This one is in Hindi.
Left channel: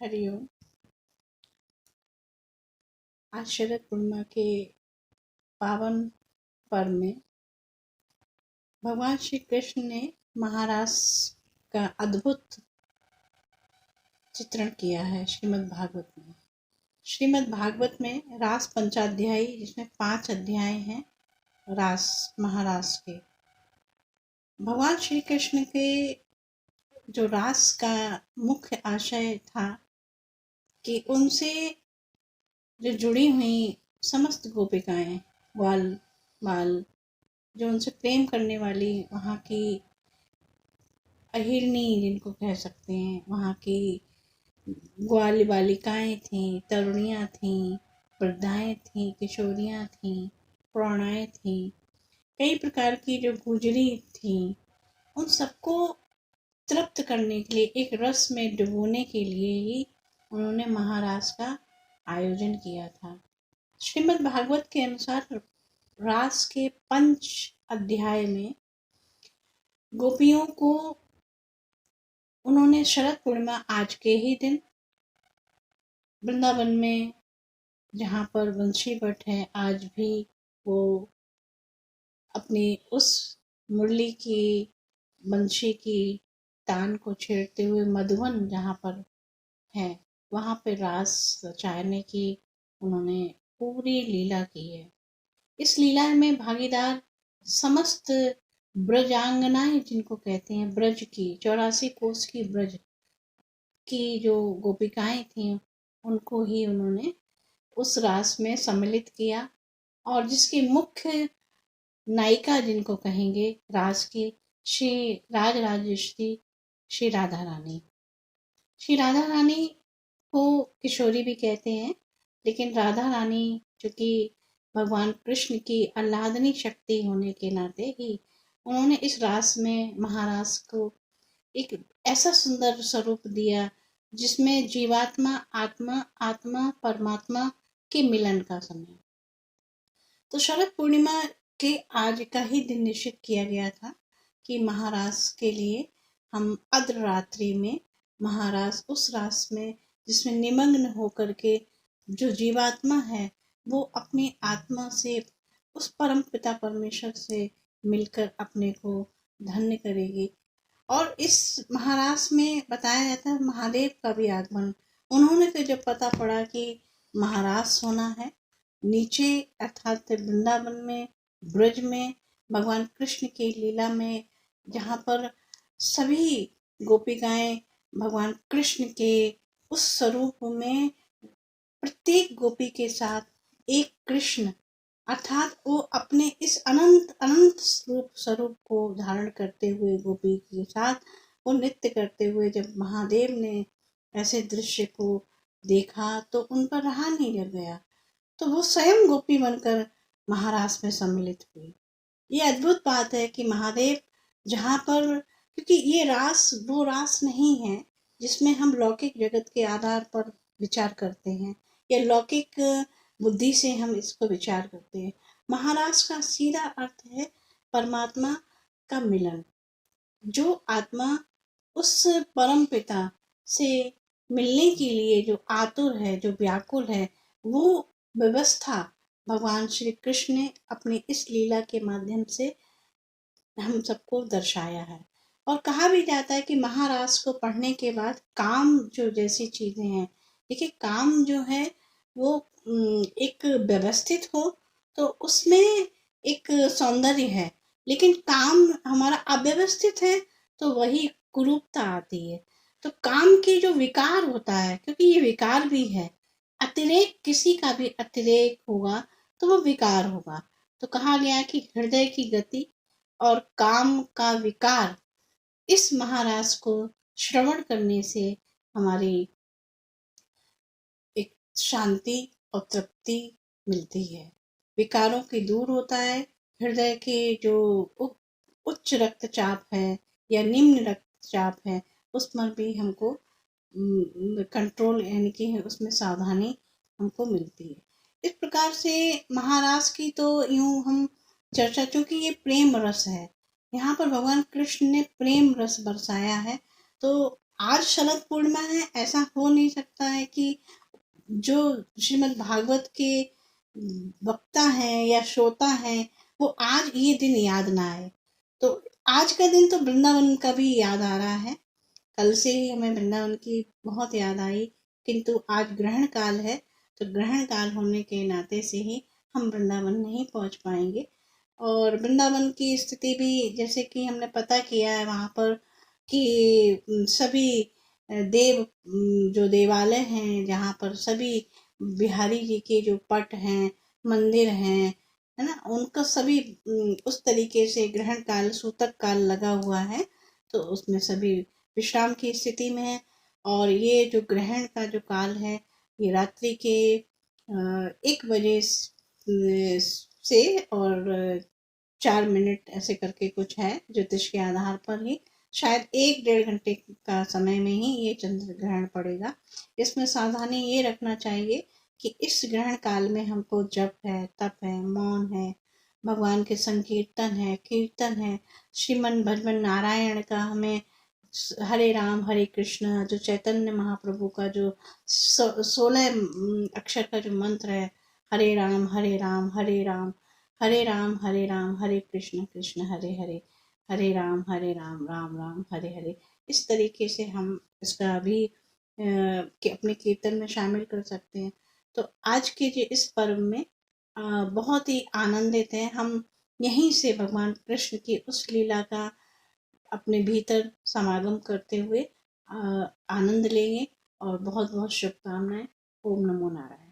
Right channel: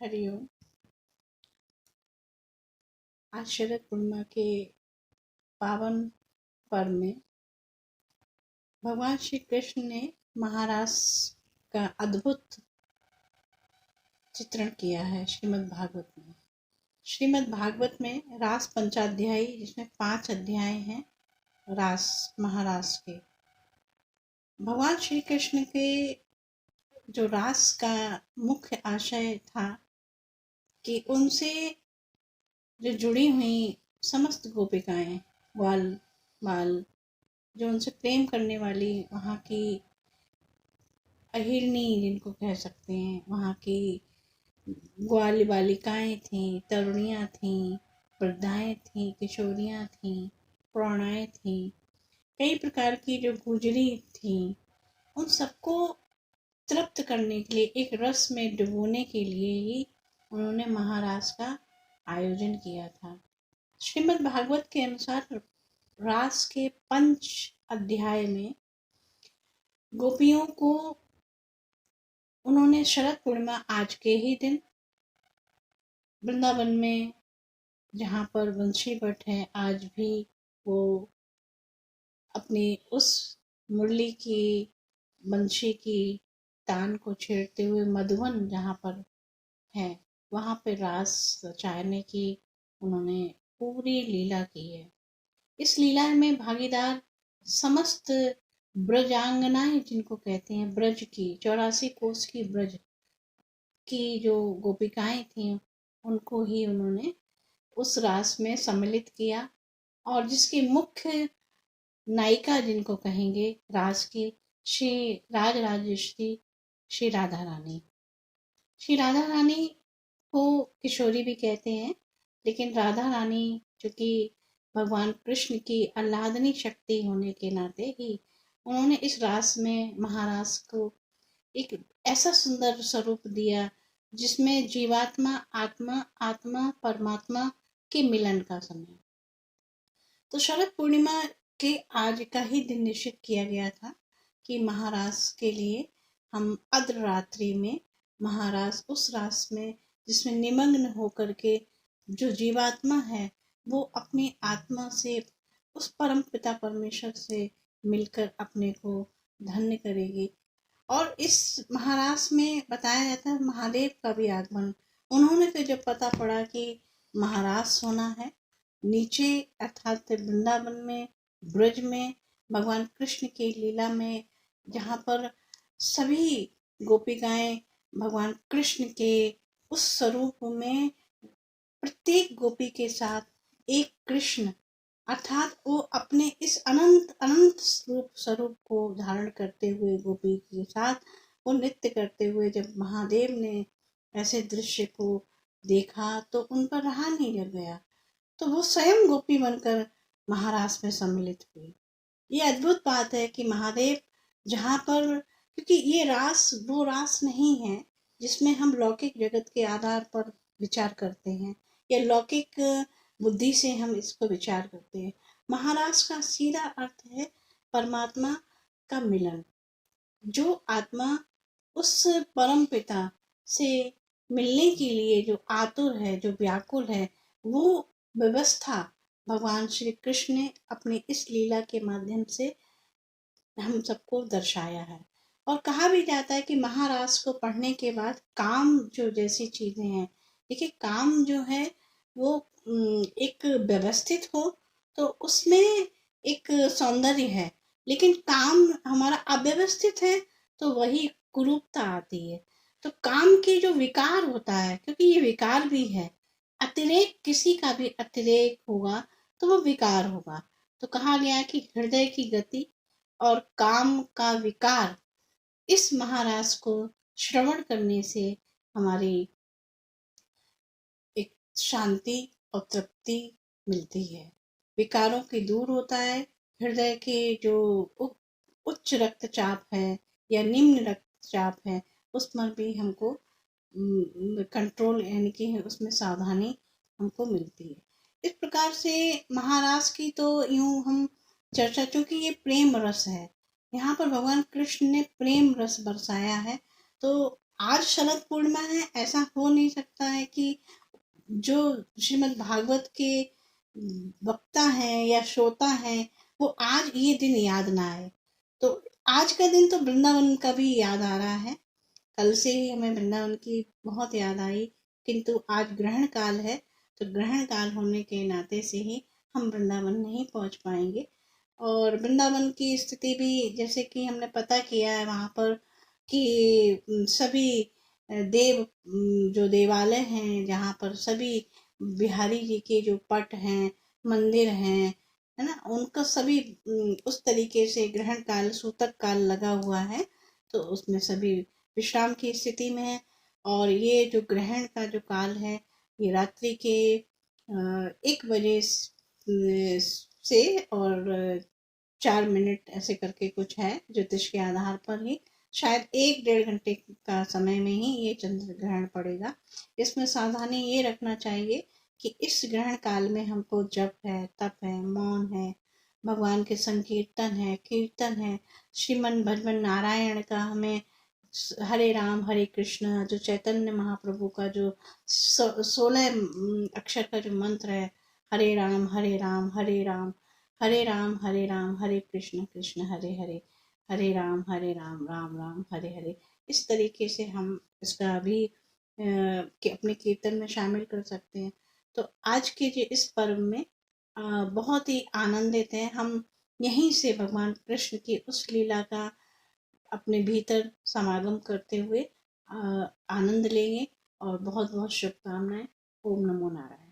हरिओम। आज शरद पूर्णिमा के पावन पर्व में भगवान श्री कृष्ण ने महारास का अद्भुत चित्रण किया है श्रीमद् भागवत में। श्रीमद् भागवत में रास पंचाध्यायी, जिसमें 5 अध्याय हैं रास महारास के। भगवान श्री कृष्ण के जो रास का मुख्य आशय था कि उनसे जो जुड़ी हुई समस्त गोपिकाएं, ग्वाल बाल, जो उनसे प्रेम करने वाली वहाँ की अहिरनी जिनको कह सकते हैं, वहाँ की ग्वाल बालिकाएं थीं, तरुणियाँ थीं, वृद्धाएं थीं, किशोरियाँ थीं, प्रौढ़ाएं थीं, कई प्रकार की जो गुजरी थीं, उन सबको तृप्त करने के लिए, एक रस में डुबोने के लिए ही उन्होंने महारास का आयोजन किया था। श्रीमद् भागवत के अनुसार रास के 5 अध्याय में गोपियों को उन्होंने शरद पूर्णिमा आज के ही दिन वृंदावन में, जहाँ पर बंशी भट्ट है, आज भी वो अपनी उस मुरली की, बंशी की तान को छेड़ते हुए मधुवन जहाँ पर है, वहाँ पे रास रचाने की उन्होंने पूरी लीला की है। इस लीला में भागीदार समस्त ब्रजांगनाएं, जिनको कहते हैं, ब्रज की 84 कोस की ब्रज की जो गोपिकाएं थीं, उनको ही उन्होंने उस रास में सम्मिलित किया। और जिसकी मुख्य नायिका जिनको कहेंगे रास की, श्री राज राजेश्वरी, श्री राधा रानी। श्री राधा रानी को किशोरी भी कहते हैं, लेकिन राधा रानी चूंकि भगवान कृष्ण की आह्लादनी शक्ति होने के नाते ही उन्होंने इस रास में, महारास को एक ऐसा सुंदर स्वरूप दिया जिसमें जीवात्मा, आत्मा, आत्मा परमात्मा के मिलन का समय। तो शरद पूर्णिमा के आज का ही दिन निश्चित किया गया था कि महारास के लिए हम अर्ध रात्रि में महारास, उस रास में जिसमें निमग्न होकर के जो जीवात्मा है वो अपनी आत्मा से, उस परम पिता परमेश्वर से मिलकर अपने को धन्य करेगी। और इस महारास में बताया जाता है महादेव का भी आगमन। उन्होंने फिर जब पता पड़ा कि महारास होना है नीचे, अर्थात वृंदावन में, ब्रज में, भगवान कृष्ण की लीला में, जहाँ पर सभी गोपिकाएं भगवान कृष्ण के उस स्वरूप में प्रत्येक गोपी के साथ एक कृष्ण, अर्थात वो अपने इस अनंत अनंत स्वरूप को धारण करते हुए गोपी के साथ वो नृत्य करते हुए जब महादेव ने ऐसे दृश्य को देखा तो उन पर रहा नहीं रह गया, तो वो स्वयं गोपी बनकर महारास में सम्मिलित हुई। ये अद्भुत बात है कि महादेव जहाँ पर, क्योंकि ये रास वो रास नहीं है जिसमें हम लौकिक जगत के आधार पर विचार करते हैं या लौकिक बुद्धि से हम इसको विचार करते हैं। महारास का सीधा अर्थ है परमात्मा का मिलन। जो आत्मा उस परम पिता से मिलने के लिए जो आतुर है, जो व्याकुल है, वो व्यवस्था भगवान श्री कृष्ण ने अपनी इस लीला के माध्यम से हम सबको दर्शाया है। और कहा भी जाता है कि महारास को पढ़ने के बाद काम जो जैसी चीजें हैं, देखिए काम जो है वो एक व्यवस्थित हो तो उसमें एक सौंदर्य है, लेकिन काम हमारा अव्यवस्थित है तो वही कुरूपता आती है। तो काम की जो विकार होता है, क्योंकि ये विकार भी है, अतिरेक, किसी का भी अतिरेक होगा तो वो विकार होगा। तो कहा गया कि हृदय की गति और काम का विकार, इस महारास को श्रवण करने से हमारी एक शांति और तृप्ति मिलती है, विकारों की दूर होता है। हृदय के जो उच्च रक्तचाप है या निम्न रक्तचाप है, उस पर भी हमको कंट्रोल, यानी कि उसमें सावधानी हमको मिलती है। इस प्रकार से महारास की तो यूं हम चर्चा, चूंकि ये प्रेम रस है, यहाँ पर भगवान कृष्ण ने प्रेम रस बरसाया है, तो आज शरद पूर्णिमा है, ऐसा हो नहीं सकता है कि जो श्रीमद् भागवत के वक्ता हैं या श्रोता हैं वो आज ये दिन याद ना आए। तो आज का दिन तो वृंदावन का भी याद आ रहा है। कल से ही हमें वृंदावन की बहुत याद आई, किंतु आज ग्रहण काल है, तो ग्रहण काल होने के नाते से ही हम वृंदावन नहीं पहुंच पाएंगे। और वृंदावन की स्थिति भी जैसे कि हमने पता किया है वहाँ पर कि सभी देव जो देवालय हैं जहाँ पर सभी बिहारी जी के जो पट हैं, मंदिर हैं, है ना, उनका सभी उस तरीके से ग्रहण काल सूतक काल लगा हुआ है, तो उसमें सभी विश्राम की स्थिति में है। और ये जो ग्रहण का जो काल है ये रात्रि के 1 बजे से और 4 मिनट ऐसे करके कुछ है ज्योतिष के आधार पर ही, शायद 1 डेढ़ घंटे का समय में ही ये चंद्र ग्रहण पड़ेगा। इसमें सावधानी ये रखना चाहिए कि इस ग्रहण काल में हमको जप है, तप है, मौन है, भगवान के संकीर्तन है, कीर्तन है, श्रीमन भजमन नारायण का हमें हरे राम हरे कृष्ण जो चैतन्य महाप्रभु का जो 16 अक्षर का जो मंत्र है, हरे राम हरे राम हरे राम हरे राम हरे राम हरे कृष्ण कृष्ण हरे हरे, हरे राम राम राम हरे हरे, इस तरीके से हम इसका भी कि अपने कीर्तन में शामिल कर सकते हैं। तो आज के जो इस पर्व में बहुत ही आनंदित हैं हम, यहीं से भगवान कृष्ण की उस लीला का अपने भीतर समागम करते हुए आनंद लेंगे। और बहुत बहुत शुभकामनाएं। ओम नमो नारायण।